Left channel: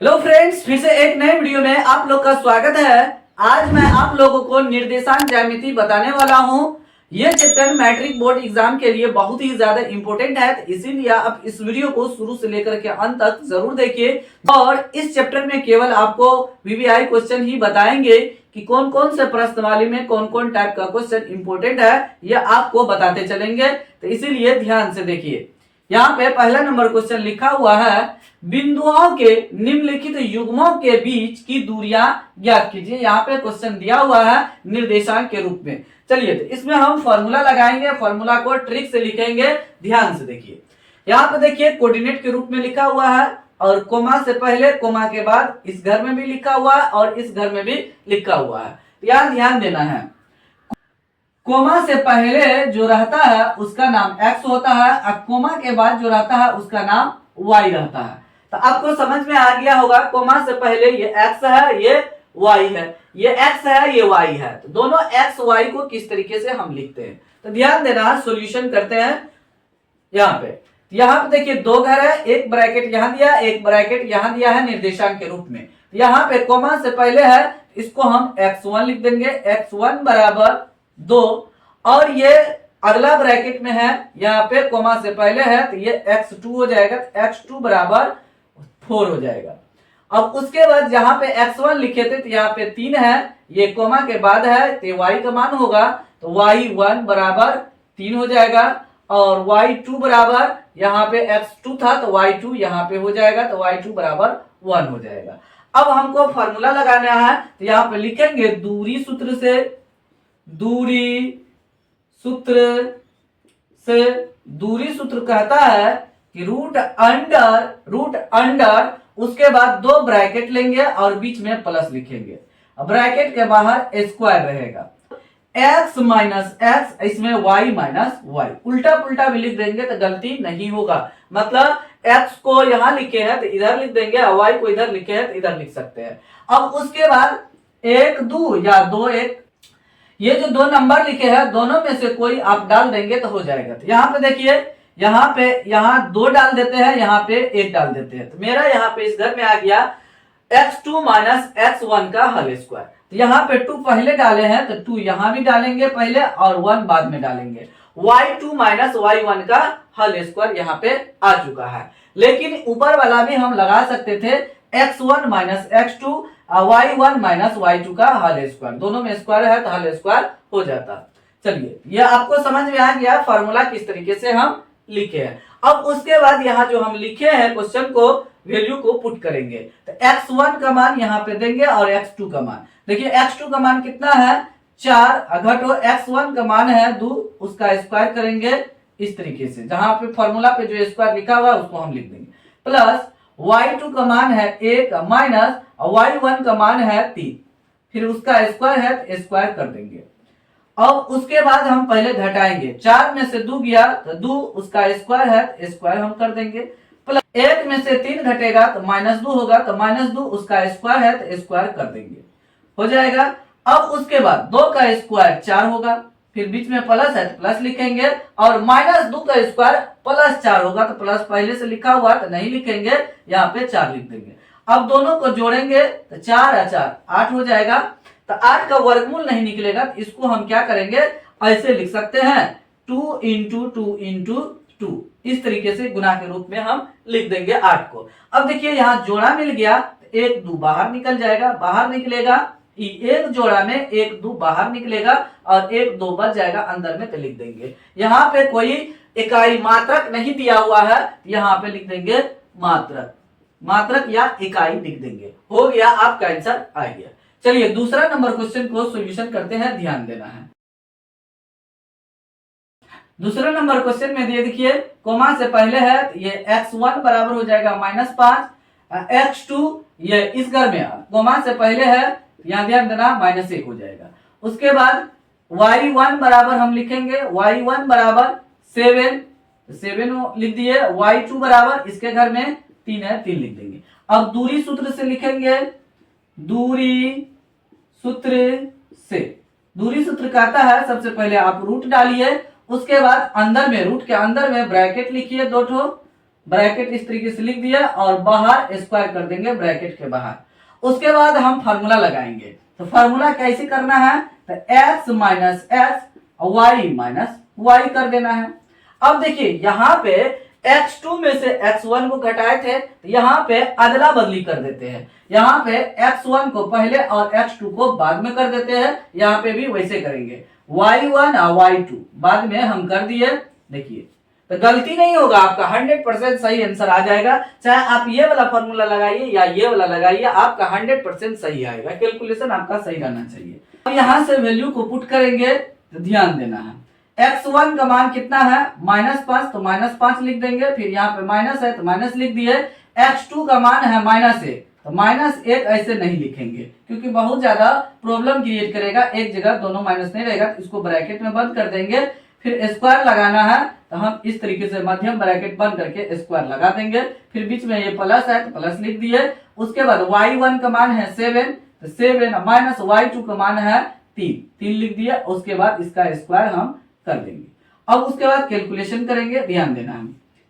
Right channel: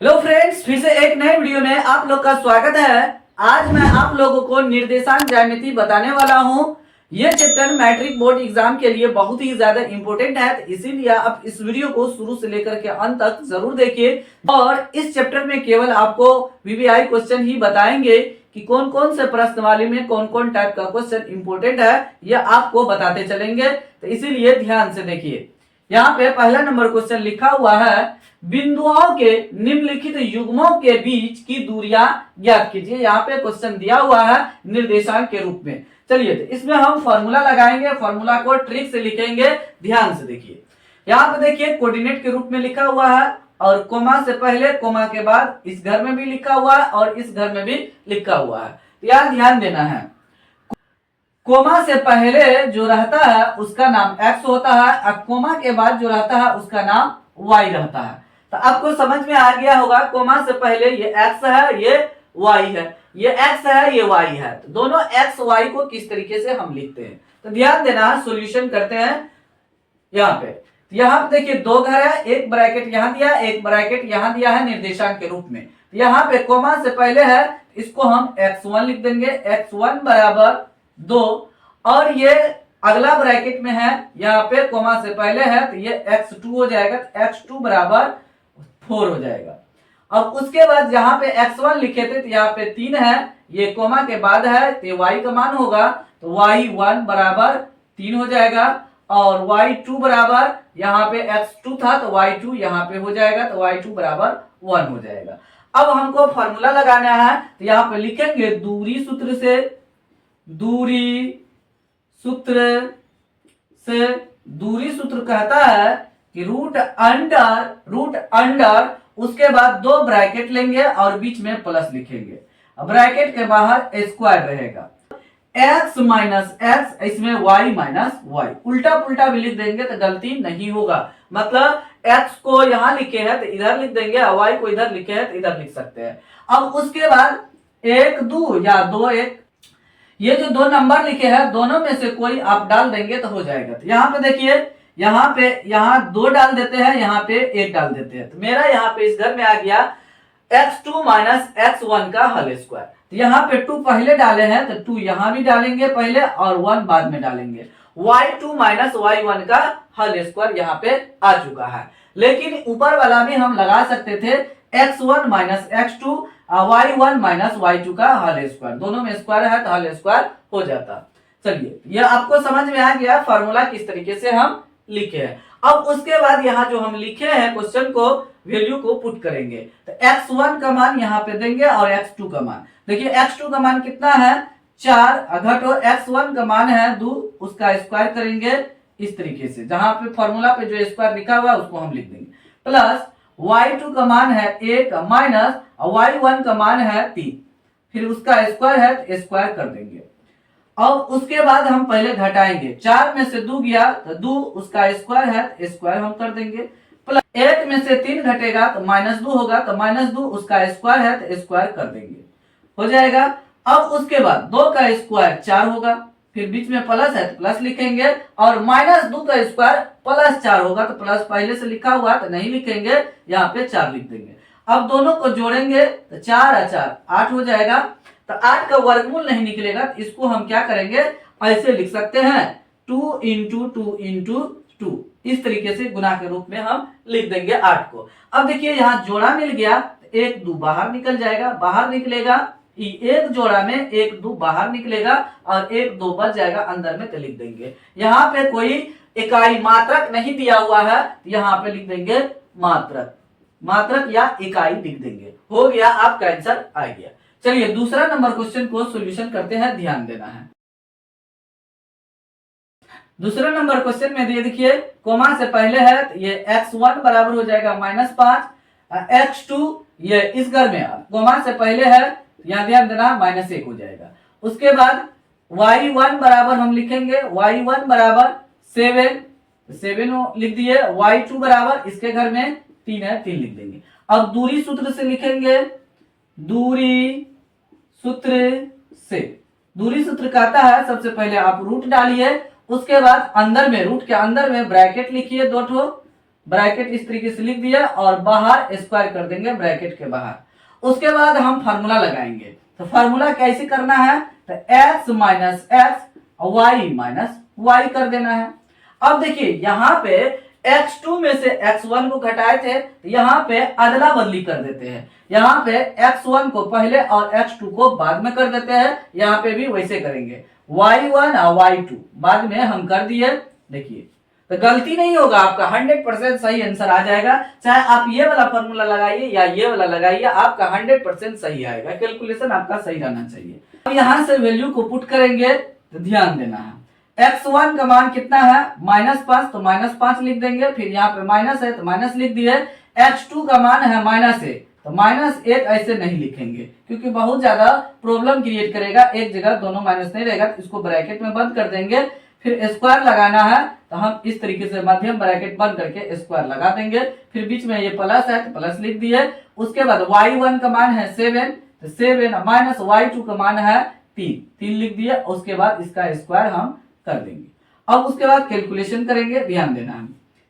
Hello friends, फिर से एक नए वीडियो में आप लोग का स्वागत है। आज मैं आप लोगों को निर्देशांक ज्यामिति बताने वाला हूं। यह चैप्टर मैट्रिक बोर्ड एग्जाम के लिए बहुत ही ज्यादा इंपॉर्टेंट है, तो इसीलिए आप इस वीडियो को शुरू से लेकर के अंत तक जरूर देखिए। और इस चैप्टर में केवल आपको वीवीआई क्वेश्चन ही बताएंगे कि कौन कौन से प्रश्नवाली में कौन कौन टाइप का क्वेश्चन इंपॉर्टेंट है, यह आपको बताते चलेंगे, तो इसीलिए ध्यान से देखिए। यहाँ पे पहला नंबर क्वेश्चन लिखा हुआ है, बिंदुओं के निम्नलिखित युग्मों के बीच की दूरियां ज्ञात कीजिए। यहाँ पे क्वेश्चन दिया हुआ है निर्देशांक के रूप में। चलिए, तो इसमें हम फॉर्मूला लगाएंगे, फॉर्मूला को ट्रिक से लिखेंगे। ध्यान से देखिए, यहाँ पे देखिए कोऑर्डिनेट के रूप में लिखा हुआ है और कोमा से पहले कोमा के बाद इस घर में भी लिखा हुआ है और इस घर में भी लिखा हुआ है। यहाँ ध्यान देना है, कोमा से पहले जो रहता है उसका नाम x होता है और कोमा के बाद जो रहता है उसका नाम y रहता है। तो आपको समझ में आ गया होगा, कोमा से पहले ये x है, ये y है, ये x है, ये y है। तो दोनों x y को किस तरीके से हम लिखते हैं, तो ध्यान देना, सॉल्यूशन करते हैं। यहाँ पे देखिए दो घर है, एक ब्रैकेट यहाँ दिया, एक ब्रैकेट यहाँ दिया है निर्देशांक के रूप में। यहाँ पे कोमा से पहले है, इसको हम x1 लिख देंगे, x1 बराबर 2, और ये अगला ब्रैकेट में है, यहाँ पे कोमा से पहले है तो ये x2 हो जाएगा, x2 बराबर 4 हो जाएगा। अब उसके बाद यहाँ पे x1 लिखे थे तो यहाँ पे 3 है, ये कोमा के बाद है तो y का मान होगा, तो y1 बराबर 3 हो जाएगा, और y2 बराबर यहाँ पे x2 था तो y2 यहाँ पे हो जाएगा, तो y2 बराबर 1 हो जाएगा। अब हमको फॉर्मूला लगाना है, तो यहाँ पे लिखेंगे दूरी सूत्र से, दूरी सूत्र कहता है कि रूट अंडर उसके बाद दो ब्रैकेट लेंगे और बीच में प्लस लिखेंगे। ब्रैकेट के बाहर स्क्वायर रहेगा, x माइनस एक्स, इसमें y माइनस वाई। उल्टा पुल्टा भी लिख देंगे तो गलती नहीं होगा, मतलब x को यहाँ लिखे हैं तो इधर लिख देंगे और y को इधर लिखे हैं तो इधर लिख सकते हैं। अब उसके बाद 1 2 या 2 1, ये जो दो नंबर लिखे हैं दोनों में से कोई आप डाल देंगे तो हो जाएगा। तो यहाँ पे देखिए, यहाँ 2 डाल देते हैं, यहाँ पे 1 डाल देते हैं, तो मेरा यहाँ पे इस घर में आ गया x2 माइनस x1 का होल स्क्वायर। तो यहाँ पे 2 पहले डाले हैं तो 2 यहाँ भी डालेंगे पहले और 1 बाद में डालेंगे। y2 माइनस y1 का होल स्क्वायर यहाँ पे आ चुका है, लेकिन ऊपर वाला भी हम लगा सकते थे, x1 minus x2 y1 minus y2 का होल स्क्वायर, दोनों में स्क्वायर है तो होल स्क्वायर हो जाता। चलिए, यह आपको समझ में आ गया फॉर्मूला किस तरीके से हम लिखे हैं। अब उसके बाद यहाँ जो हम लिखे हैं क्वेश्चन को, वैल्यू को पुट करेंगे, तो x1 का मान यहाँ पे देंगे और x2 का मान देखिए, x2 का मान कितना है 4, घटो x1 का मान है 2, उसका स्क्वायर करेंगे इस तरीके से, जहां पे फॉर्मूला पे जो स्क्वायर लिखा हुआ है उसको हम लिख देंगे, प्लस y2 का मान है 1 माइनस y1 का मान है 3, फिर उसका स्क्वायर है तो स्क्वायर कर देंगे। अब उसके बाद हम पहले घटाएंगे, 4 में से 2 गया तो 2, उसका स्क्वायर है तो स्क्वायर हम कर देंगे, प्लस 1 में से 3 घटेगा तो -2 होगा, तो -2 उसका स्क्वायर है तो स्क्वायर कर देंगे, हो जाएगा। अब उसके बाद 2 का स्क्वायर 4 होगा, फिर बीच में प्लस है तो प्लस लिखेंगे, और -2 का स्क्वायर प्लस 4 होगा, तो प्लस पहले से लिखा हुआ तो नहीं लिखेंगे, यहाँ पे 4 लिख देंगे। अब दोनों को जोड़ेंगे तो 4 और 4 8 हो जाएगा, तो 8 का वर्गमूल नहीं निकलेगा, तो इसको हम क्या करेंगे, ऐसे लिख सकते हैं 2 इंटू 2 इंटू 2, इस तरीके से गुना के रूप में हम लिख देंगे 8 को। अब देखिए यहाँ जोड़ा मिल गया, 1 2 बाहर निकल जाएगा, बाहर निकलेगा, एक जोड़ा में 1 2 बाहर निकलेगा और 1 2 बच जाएगा अंदर में, तो लिख देंगे। यहाँ पे कोई इकाई मात्रक नहीं दिया हुआ है, यहाँ पे लिख देंगे मात्रक या इकाई लिख देंगे, हो गया, आपका आंसर आ गया। चलिए दूसरा नंबर क्वेश्चन को सॉल्यूशन करते हैं, ध्यान देना है। दूसरा नंबर क्वेश्चन में ये देखिए, कोमा से पहले है तो ये x1 बराबर हो जाएगा -5, x2 ये इस घर में कोमा से पहले है, यहाँ ध्यान देना -1 हो जाएगा। उसके बाद y1 बराबर हम लिखेंगे, y1 बराबर 7 लिख दिए, y2 बराबर इसके घर में 3 है 3 लिख देंगे। अब दूरी सूत्र से लिखेंगे, दूरी सूत्र कहता है सबसे पहले आप रूट डालिए, उसके बाद अंदर में रूट के अंदर में ब्रैकेट लिखिए, 2 ठो ब्रैकेट इस तरीके से लिख दिया और बाहर स्क्वायर कर देंगे ब्रैकेट के बाहर। उसके बाद हम फार्मूला लगाएंगे। तो फार्मूला कैसे करना है, तो x minus X y minus Y कर देना है। अब देखिए यहाँ पे x2 में से x1 को घटाए थे, तो यहाँ पे अदला बदली कर देते हैं। यहाँ पे x1 को पहले और x2 को बाद में कर देते हैं। यहाँ पे भी वैसे करेंगे, y1 और y2 बाद में हम कर दिए। देखिए तो गलती नहीं होगा, आपका 100% सही आंसर आ जाएगा। चाहे आप ये वाला फॉर्मूला लगाइए या ये वाला लगाइए, आपका 100% सही आएगा। कैलकुलेशन आपका सही रहना चाहिए। अब यहाँ से वैल्यू को पुट करेंगे तो ध्यान देना है, x1 का मान कितना है -5, तो -5 लिख देंगे। फिर यहाँ पे माइनस है तो माइनस लिख दिए। x2 का मान है -1, तो -1 ऐसे नहीं लिखेंगे क्योंकि बहुत ज्यादा प्रॉब्लम क्रिएट करेगा। एक जगह दोनों माइनस नहीं रहेगा, तो इसको ब्रैकेट में बंद कर देंगे। फिर स्क्वायर लगाना है तो हम इस तरीके से मध्यम ब्रैकेट बंद करके स्क्वायर लगा देंगे। फिर बीच में ये प्लस है तो प्लस लिख दिए। उसके बाद y1 का मान है 7, तो 7 माइनस y2 का मान है 3 लिख दिया। उसके बाद इसका स्क्वायर हम कर देंगे। अब उसके बाद कैलकुलेशन करेंगे, ध्यान देना है।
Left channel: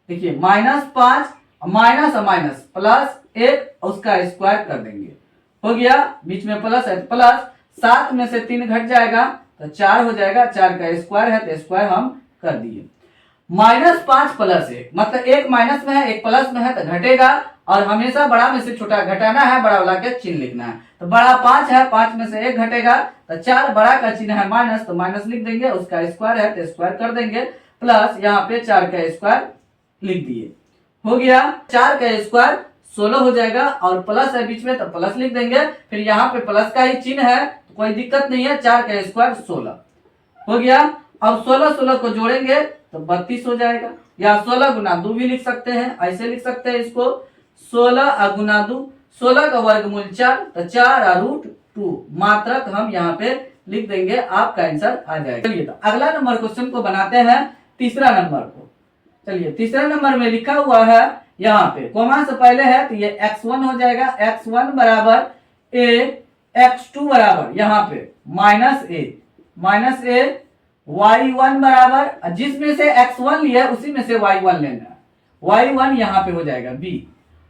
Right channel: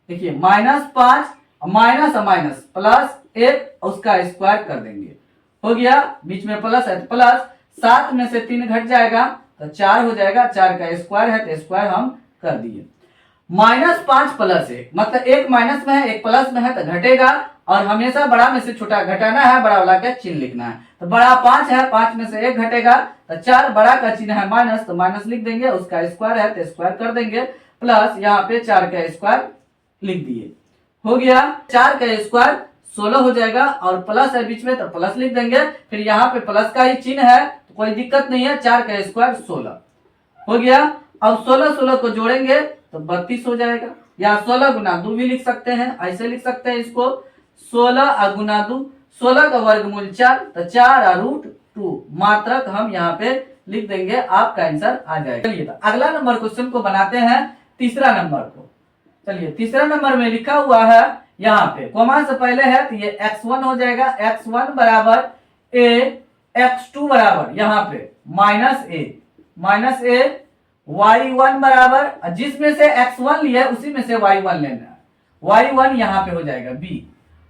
देखिए -5 माइनस माइनस +1 उसका स्क्वायर कर देंगे, हो गया। बीच में प्लस है तो प्लस, 7 में से 3 घट जाएगा तो 4 हो जाएगा। 4 का स्क्वायर है तो स्क्वायर हम कर दिए। -5 +1 मतलब एक माइनस में है एक प्लस में है तो घटेगा, और हमेशा बड़ा में से छोटा घटाना है, बड़ा वाला का चिन्ह लिखना है। तो बड़ा 5 है, 5 में से 1 घटेगा तो 4, बड़ा का चिन्ह है माइनस तो माइनस लिख देंगे। उसका स्क्वायर है तो स्क्वायर कर देंगे, प्लस यहाँ पे 4 का स्क्वायर लिख दिए, हो गया। 4 का स्क्वायर 16 हो जाएगा, और प्लस है बीच में तो प्लस लिख देंगे। फिर यहाँ पे प्लस का ही चिन्ह है तो कोई दिक्कत नहीं है। 4 का स्क्वायर 16 हो गया। अब 16 को जोड़ेंगे तो 32 हो जाएगा, या 16 गुना 2 भी लिख सकते हैं, ऐसे लिख सकते हैं इसको। 16 गुना 2, 16 का वर्गमूल 4, तो 4√2 मात्रक हम यहाँ पे लिख देंगे, आपका आंसर आ जाएगा। चलिए तो अगला नंबर क्वेश्चन को बनाते हैं, तीसरा नंबर को। चलिए तीसरा नंबर में लिखा हुआ है, यहाँ पे कॉमा से पहले है तो ये x1 हो जाएगा। x1 बराबर a, x2 बराबर यहाँ पे -a, y1 बराबर, जिसमें से x1 लिया उसी में से y1 लेना है। y1 यहाँ पे हो जाएगा b,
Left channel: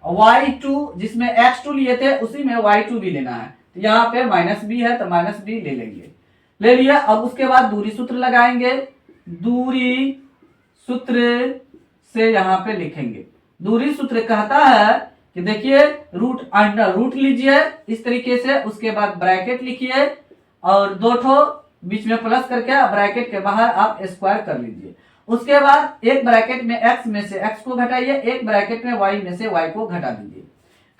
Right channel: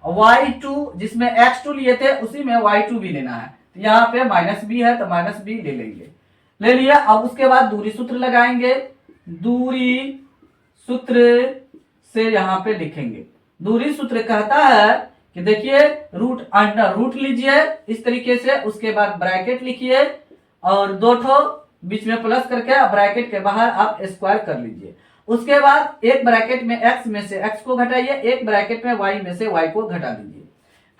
y2 जिसमें x2 लिए थे उसी में y2 भी लेना है। तो यहाँ पे -b है तो -b ले लेंगे, ले लिया। अब उसके बाद दूरी सूत्र लगाएंगे। दूरी सूत्र से यहाँ पे लिखेंगे। दूरी सूत्र कहता है कि देखिए रूट अंडर रूट लीजिए इस तरीके से, उसके बाद ब्रैकेट लिखिए और 2 ठो बीच में प्लस करके ब्रैकेट के बाहर आप स्क्वायर कर लीजिए। उसके बाद एक ब्रैकेट में x में से x को घटाइए, एक ब्रैकेट में y में से y को घटा दीजिए,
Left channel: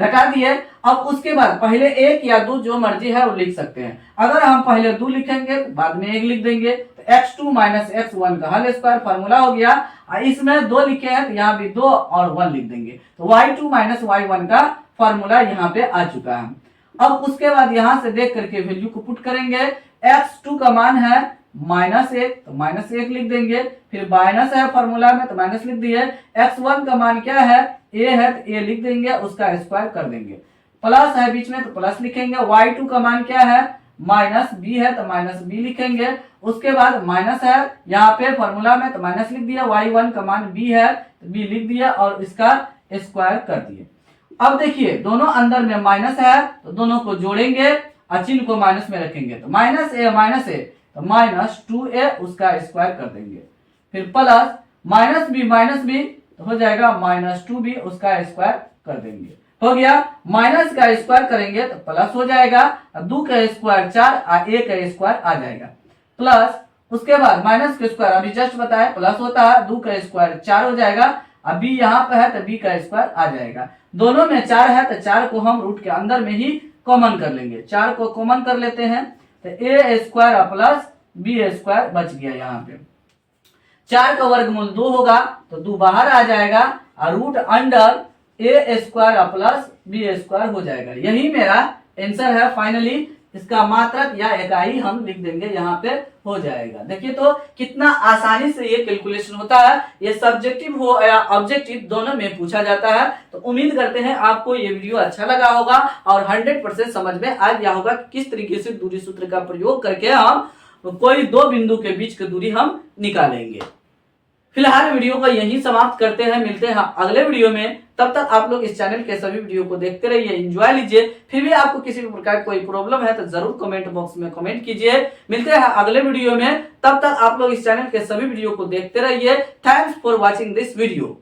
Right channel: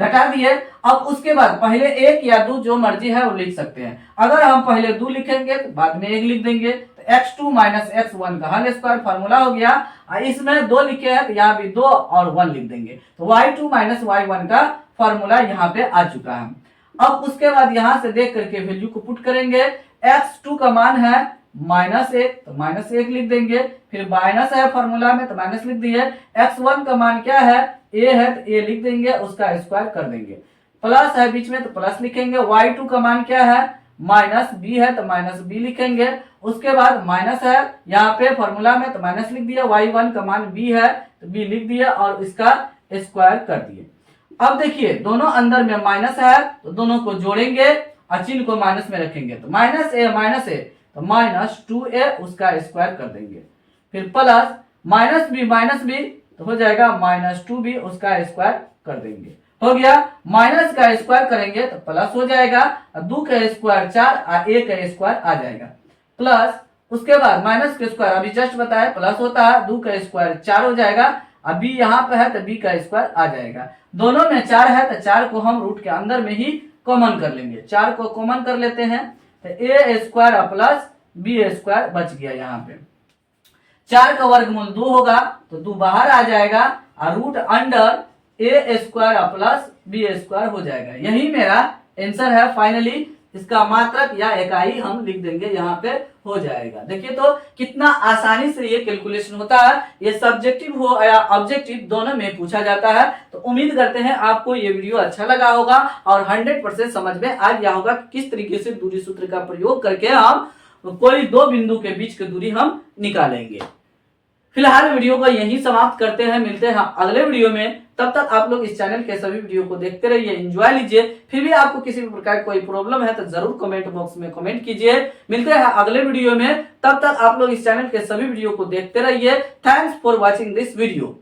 घटा दिए। अब उसके बाद पहले 1 या 2 जो मर्जी है वो लिख सकते हैं। अगर हम पहले 2 लिखेंगे तो बाद में 1 लिख देंगे, तो x2 माइनस x1 का होल स्क्वायर फार्मूला हो गया। इसमें 2 लिखे हैं तो यहाँ भी 2 और 1 लिख देंगे, तो y2 माइनस y1 का फार्मूला यहाँ पे आ चुका है। अब उसके बाद यहाँ से देख करके वैल्यू को पुट करेंगे। x2 का मान है -1, तो -1 लिख देंगे। फिर माइनस है फार्मूला में तो माइनस लिख दिए। x1 का मान क्या है, a है तो a लिख देंगे, उसका स्क्वायर कर देंगे। प्लस है बीच में तो प्लस लिखेंगे। y2 का मान क्या है, -b है तो -b लिखेंगे। उसके बाद माइनस है यहाँ पे फार्मूला में तो माइनस लिख दिया। y1 का मान b है तो b लिख दिया और इसका स्क्वायर कर दिए। अब देखिए दोनों अंदर में माइनस है तो दोनों को जोड़ेंगे और चिन्ह को माइनस में रखेंगे, तो -a तो -2a उसका स्क्वायर कर देंगे। फिर प्लस -b तो हो जाएगा -2b उसका स्क्वायर कर देंगे, हो गया। माइनस का स्क्वायर करेंगे तो प्लस हो जाएगा, 2 का स्क्वायर 4 और a का स्क्वायर आ जाएगा। प्लस उसके बाद माइनस का स्क्वायर अभी जस्ट बताया प्लस होता है, 2 का स्क्वायर 4 हो जाएगा। अब b यहाँ पे है तो b का स्क्वायर आ जाएगा। दोनों में 4 है तो 4 को हम रूट के अंदर में ही कॉमन कर लेंगे। 4 को कॉमन कर लेते हैं तो a square plus b square बच गया। यहाँ पे 4 का वर्गमूल 2 होगा तो 2 बाहर आ जाएगा और root under a square plus b square हो जाएगा। यही मेरा आंसर है। फाइनली इसका मात्रक या इकाई हम लिख देंगे, यहाँ पे हो जाएगा। देखिए तो कितना आसानी से ये कैलकुलेशन होता है। ये सब्जेक्टिव हो या ऑब्जेक्टिव दोनों में पूछा जाता है। तो उम्मीद करते हैं आपको ये वीडियो अच्छा लगा होगा और 100% समझ में आ गया होगा किस तरीके से दूरी सूत्र का प्रयोग करके हम कोई 2 बिंदु के बीच की दूरी हम निकालेंगे। फिलहाल वीडियो को यहीं समाप्त करते हैं, मिलते हैं अगले वीडियो में। तब तक आप लोग इस चैनल के सभी वीडियो को देखते रहिए, एंजॉय लीजिए। फिर भी आपको किसी भी प्रकार कोई प्रॉब्लम है तो जरूर कमेंट बॉक्स में कमेंट कीजिए। मिलते हैं अगले वीडियो में, तब तक आप लोग इस चैनल के सभी वीडियो को देखते रहिए। Thanks for watching this video.